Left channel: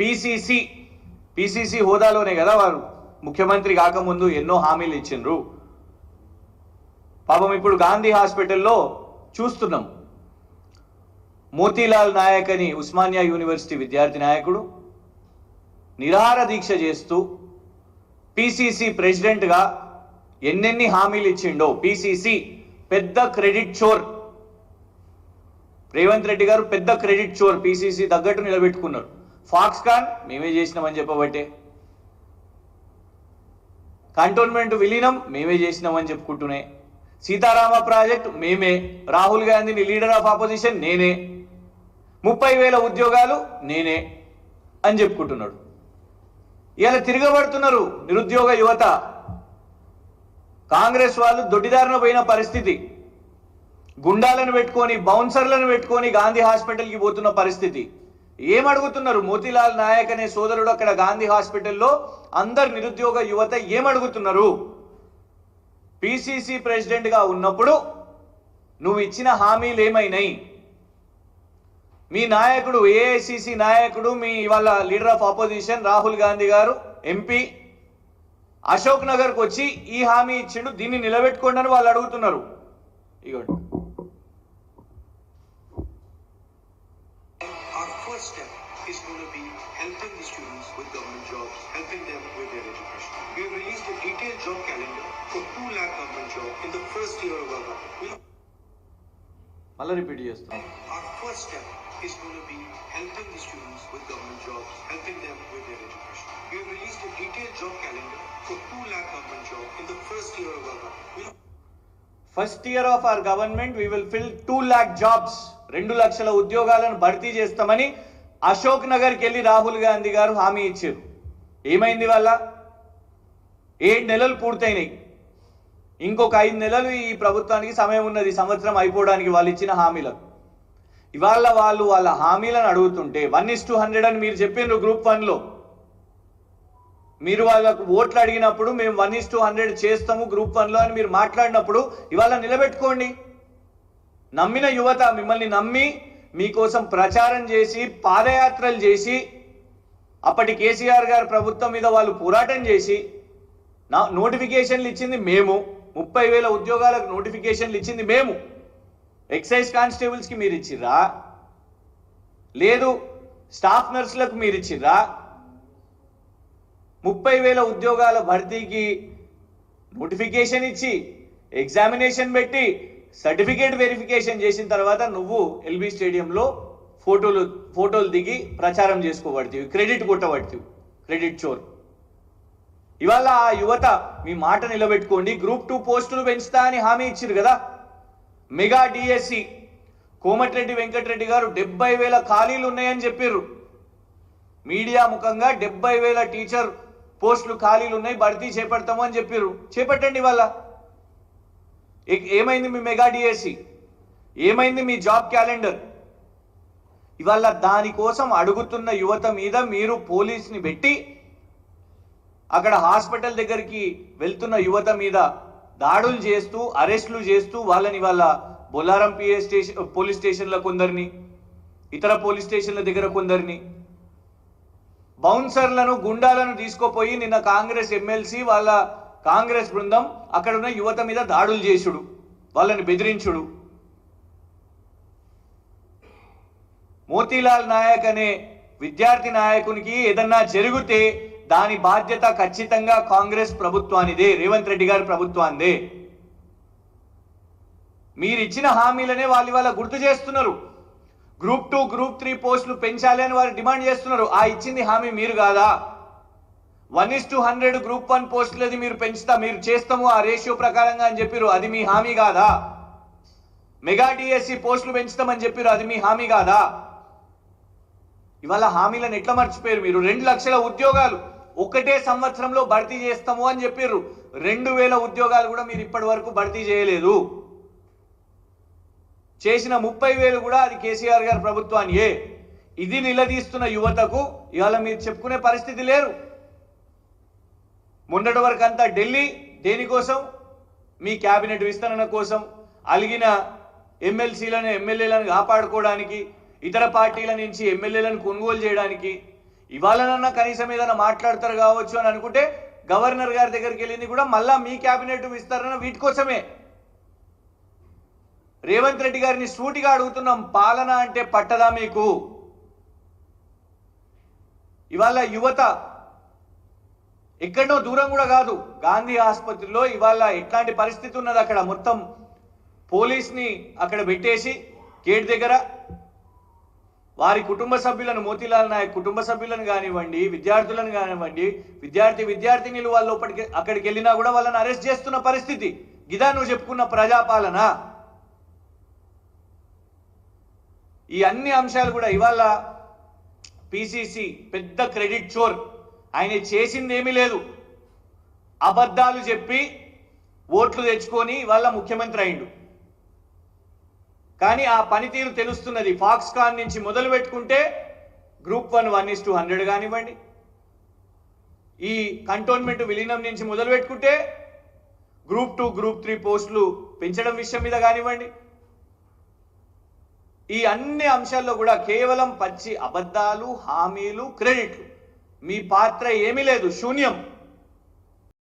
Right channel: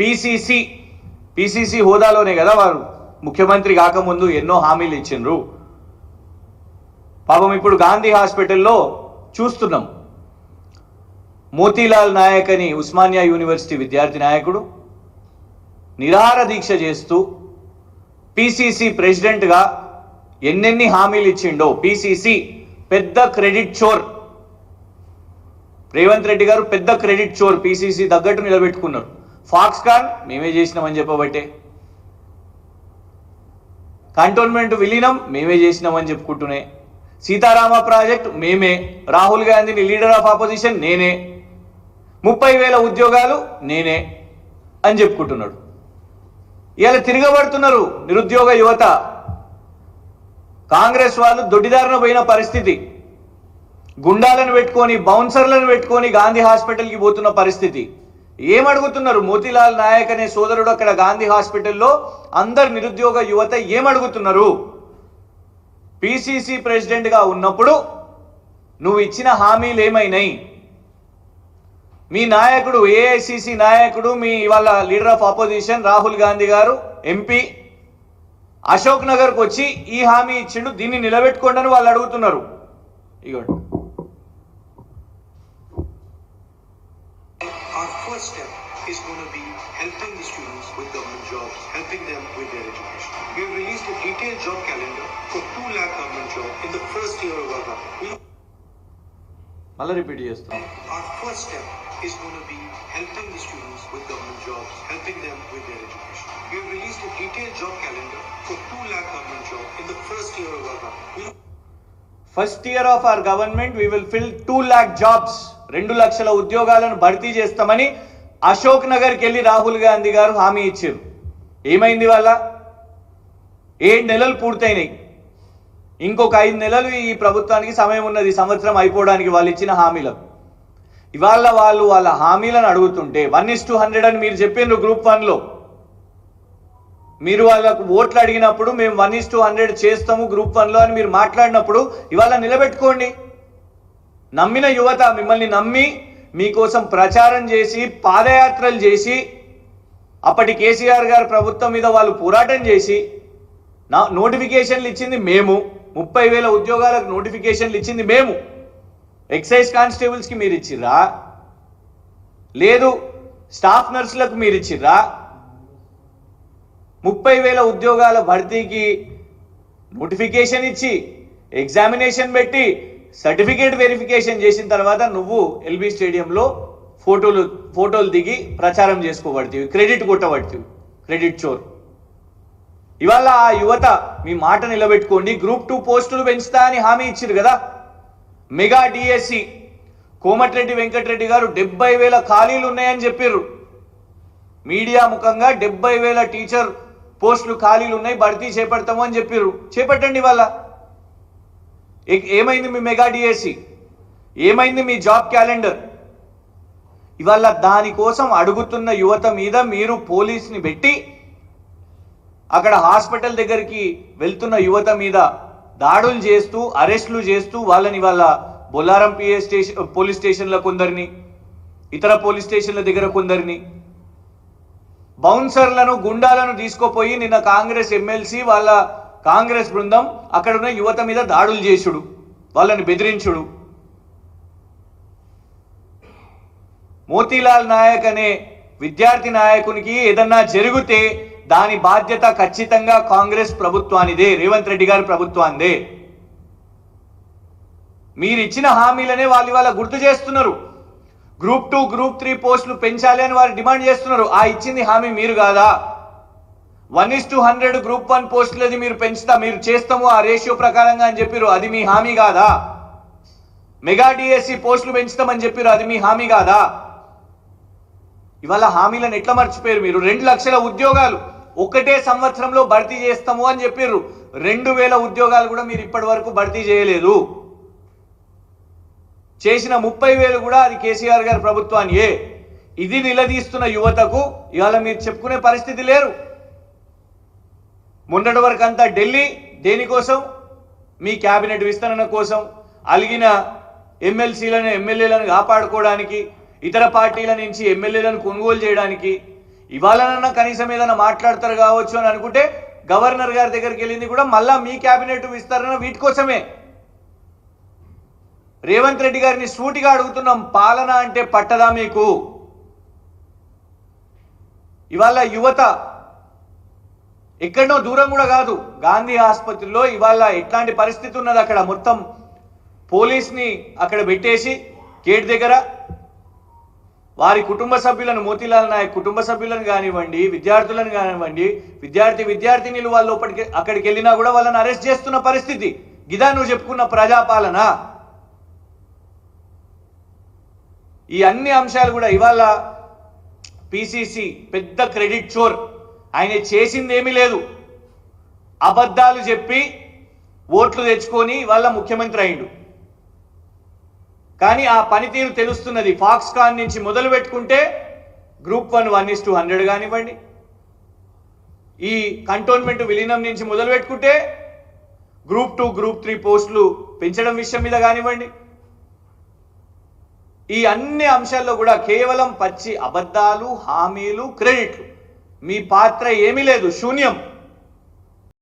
PCC హోదాలోనే కదా వారు ముఖ్యమంత్రి కాకముందు ఎన్నో హామీలు ఇచ్చిండ్రు. పాపం ఇప్పుడు గాంధీ హాస్పిటల్లో చూస్తున్నాం, మోతీలాల్ నాయక్ అని ఉస్మానియా యూనివర్సిటీ విద్యార్థి నాయకుడు నిరాహార దీక్ష చేస్తూ పీసీసీ ప్రెసిడెంట్గా ఎన్నెన్ని హామీలు ఇచ్చిండో. పీసీసీ పెద్ద క్రెడిట్ చోర్, రేవంత్ రెడ్డి గారు పెద్ద క్రెడిట్ చోర్, పీసీసీ తగ్గట్టు నిలబెట్టుకున్నారు. ఫాక్స్కాన్ మేమే చేసినామని చెప్పబట్టే, కంటోన్మెంట్ విలీనం మేమే చేసినామని చెప్పుకుంటూనే, సీతారామ ప్రాజెక్ట్ మేమే, రాహుల్ గాంధీని లీడర్ ఆఫ్ ఆపోజిషన్ నేనే, 30,000 ఉద్యోగాలు నేనే అని చెప్పుకుంటున్నాడు. ఇలా తిరగబడుతున్నారు నిరుద్యోగ యువత. కాంగ్రెస్ వాళ్ళు దొడ్డిదారిన పోయిన పరిస్థితి, గుండాలను పెట్టుకొని బౌన్సర్లను పెట్టుకొని గాంధీ హాస్పిటల్కి పోతున్న పరిస్థితి. ఏమడుగుతున్నారు? మోతీలాల్ నాయక్ అనే సోదరుడు అక్కడ గాంధీ హాస్పిటల్లో అందరు నిరుద్యోగ యువత ఏమడుగుతున్నారు? పీసీసీ ప్రెసిడెంట్గా ఉన్నప్పుడు నువ్వు ఇచ్చిన హామీలు ఏమైనాయి? మీ నాయకుడు, ఏఐసిసి నాయకుడు, మీ వాళ్ళ leader of opposition Rahul Gandhi గారు ఎంపీ అశోక్ నగర్కి వచ్చి ఈ హామీ ఇచ్చిండు, దీన్ని నిలబెట్టుకోండి అని వాళ్ళు అడుగుతున్నారు. ఇగోండి. Our first step is going to be helping the students with government jobs, helping them with their education. We have released a detailed job calendar for 2 lakh government jobs in the first year of our government. మళ్ళీ repeat చేస్తాం. Our first step is going to be helping the students with government jobs, helping them with their education. We have released a detailed job calendar for 2 lakh government jobs in the first year of our government. First year of our government we will fill 2 lakh jobs. 2 లక్షల ఉద్యోగాలను భర్తీ చేస్తామని అశోక్ నగర్కి వెళ్ళి రాహుల్ గాంధీ గారు హామీ ఇచ్చారు. ఏమైంది వాళ్ళ? 7 నెలలు పూర్తయినాయి. ఇంకొక 5 నెలలు ఈ ప్రభుత్వానికి సమయం ఉన్నది, సంవత్సరం అయిపోవడానికి వాళ్ళు ఇచ్చిన హామీలకు. ఇవాళ వాళ్ళు వాళ్ళ హామీలను అడుగుతుంటే 1:100 అని మీరు చెప్పిండ్రు గ్రూప్ 1లో. మీరు వాళ్ళకు ఓట్లు అడిగినప్పుడు మేము 1:100 చేస్తాము గ్రూప్ 1లో అని మీరు మాట్లాడినప్పుడు ఇవాళ నిలబెట్టుకోండి. నమ్మిన యువత మిమ్మల్ని నమ్మి మీకోసం ప్రచారం చేసి పాదయాత్రలు చేసి అప్పటి కేసీఆర్ గారి ప్రభుత్వం మీద వాళ్ళు పోరాటం చేసి నోటిఫికేషన్లు ఇచ్చింది మేము, 30,000 ఉద్యోగాలకు నోటిఫికేషన్లు ఇచ్చింది మేము. ఎక్సైజ్ కానిస్టేబుల్స్కి మీరు ఇచ్చిర్రా? లేదు స్టాఫ్ నర్సులకు మీరు ఇచ్చిర్రా? 30,000 ఉద్యోగాల భర్తీకి నోటిఫికేషన్ ఇచ్చి ఎగ్జామినేషన్ పెట్టి సర్టిఫికేట్ వెరిఫికేషన్ చేసిన తర్వాత నువ్వు ఎల్బీ స్టేడియంలో ఫోటోలు దిగి ప్రచారం చేసుకోబడుతుంది, క్రెడిట్ కొట్టబడుతుంది, క్రెడిట్ చోర్. ఇవాళ ఆ యువత మీ మాట నిలబెట్టుకోండి. గ్రూప్ 2 పోస్టులు పెంచుతా అని హామీ ఇచ్చారు కదా. మెగా డిఎస్సి కోమటిరెడ్డి వెంకటరెడ్డి గారు 70,000 ఖాళీలు ఉన్నాయని చెప్పారు. మీడియా ముఖంగా 70,000 టీచర్ పోస్టులు ఖాళీలు ఉన్నాయి, భర్తీ చేపడతాము అని చెప్పారు. చేపట్టండి. వాళ్ళ ఏమైంది మీ మెగా డిఎస్సి? ఏమైంది మీ జాబ్ క్యాలెండర్? ఇవాళ దానికోసం అడుగుతున్న యువత మీద మీరు పోలీస్ని పెట్టి అక్కడ హాస్పిటల్ దగ్గరికి వెళ్తున్న యువత మీద దాడులు చేస్తూ అరెస్టులు చేస్తూ వాళ్ళని వాళ్ళ బొల్లారం పోలీస్ స్టేషన్ల కొందరిని, ఇతర పోలీస్ స్టేషన్ల దగ్గర కొందరిని, బౌన్సర్లను గుండాలను తీసుకుపోయి నిన్న కాంగ్రెస్ ఎమ్మెల్సీ వాళ్ళ కాంగ్రెస్ బృందం అక్కడ ఉన్న యువత మీద దాడులు చేసుడు, వాళ్ళని బెదిరించుడు. మోతీలాల్ నాయక్ అనే విద్యార్థి నాయకునికి ఏదన్నా జరిగితే దాని బాధ్యత ఖచ్చితంగా కాంగ్రెస్ ప్రభుత్వానిదే, రేవంత్ రెడ్డి గారి ప్రభుత్వానిదే. మీరు ఇచ్చిన హామీలనే వాళ్ళు ఇవాళ గుర్తు చేస్తున్నారు. గ్రూప్ 2 గ్రూప్ 3 పోస్టులు పెంచాలి అని వారు డిమాండ్ చేస్తున్నారు. ఆ ఇచ్చింది హామీ మీరు కాదా? 1:100 గ్రూప్ 1 పోస్టులది మీరు మీరు చేస్తాము ఆ రేషియో ప్రకారంగా అని చెప్పారు, అది మీ హామీ కాదా? మెగా డిఎస్సి పోస్టులు పెంచుతామని చెప్పారు, అది మీ హామీ కాదా? ఇవాళ హామీలను ఎట్లా మర్చిపోయారు మీరు? 2 లక్షల ఉద్యోగాలు ఒకటే సంవత్సరంలో భర్తీ చేస్తాము అని చెప్పారు. 2,000 ఉద్యోగాలు కూడా మీరు ఇప్పటి వరకు భర్తీ చేయలేదు. చేసిన 30,000 కూడా అది కేసీఆర్ గారి ప్రభుత్వానియే. ఇది నిలదీస్తున్న యువతకు ఇవాళ మీరు చెప్పుకునే పరిస్థితి లేరు. మొన్నటి వరకు అంతా ఢిల్లీ దేనికోసం? మీ క్యాబినెట్ విస్తరణ కోసం, అలిగిన ఎమ్మెల్యేలను కాపాడుకోవడానికి, ఇతర పార్టీల నుంచి ఎమ్మెల్యేలను కొనుగోలు చేయడానికి. ఇవాళనన్నా కనీసం ఏదైనా మాట్లాడతారు కావచ్చు అని అనుకుంటే గవర్నర్ గారి దగ్గరికి వెళ్ళింది కూడా మళ్ళా మీ క్యాబినెట్ విస్తరణ వీటి కోసమే. రేవంత్ రెడ్డి గారిని సూటిగా అడుగుతున్నాం, పాలన అంటే పట్టదా మీకు? ఇవాళ యువత ఎక్కడో దూరం కూడా కాదు, గాంధీ ఆసుపత్రిలో ఇవాళ ఎట్లాంటి పరిస్థితి ఉన్నది, అక్కడ మొత్తం పోలీస్ని అక్కడ పెట్టేసి గేట్ దగ్గర వారి కుటుంబ సభ్యులను, మోతీలాల్ నాయక్ కుటుంబ సభ్యులను కానివ్వండి, విద్యార్థులను కానివ్వండి, విద్యార్థినిలు వాళ్ళు అక్కడికి వెళ్ళినా కూడా వాళ్ళని అరెస్ట్ చేస్తున్న పరిస్థితి. గిదా నువ్వు చెప్పుకున్న ప్రజాపాలన? ఈ అన్ని అంశాలు కూడా ఇవాళ పిసిసి పెద్ద క్రెడిట్ చోర్, ఆయన చేసింది ఏమీ లేదు, అబద్ధాలు చెప్పి ఓట్లు తెచ్చుకొని ఇవాళ ముఖ్యమంత్రి అయిండు. కానీ ఆ పనితీరు తెలుస్తున్నది. ఫాక్స్కాన్ నుంచి మొదలు పెట్టుకుంటే గ్రూప్ 1 1:100 కానివ్వండి, ఈ కంటోన్మెంట్ విలీనం నుంచి మొదలు పెట్టుకుంటే గ్రూప్ 2 గ్రూప్ 3 పోస్టులు పెంచడం విషయం మీద కానివ్వండి, ఈ అన్ని అంశాల్లో కూడా కేవలం పచ్చి అబద్ధాలు, హామీలు, క్రెడిట్లు. మీ పాత్ర ఏమీ లేదు, శూన్యం.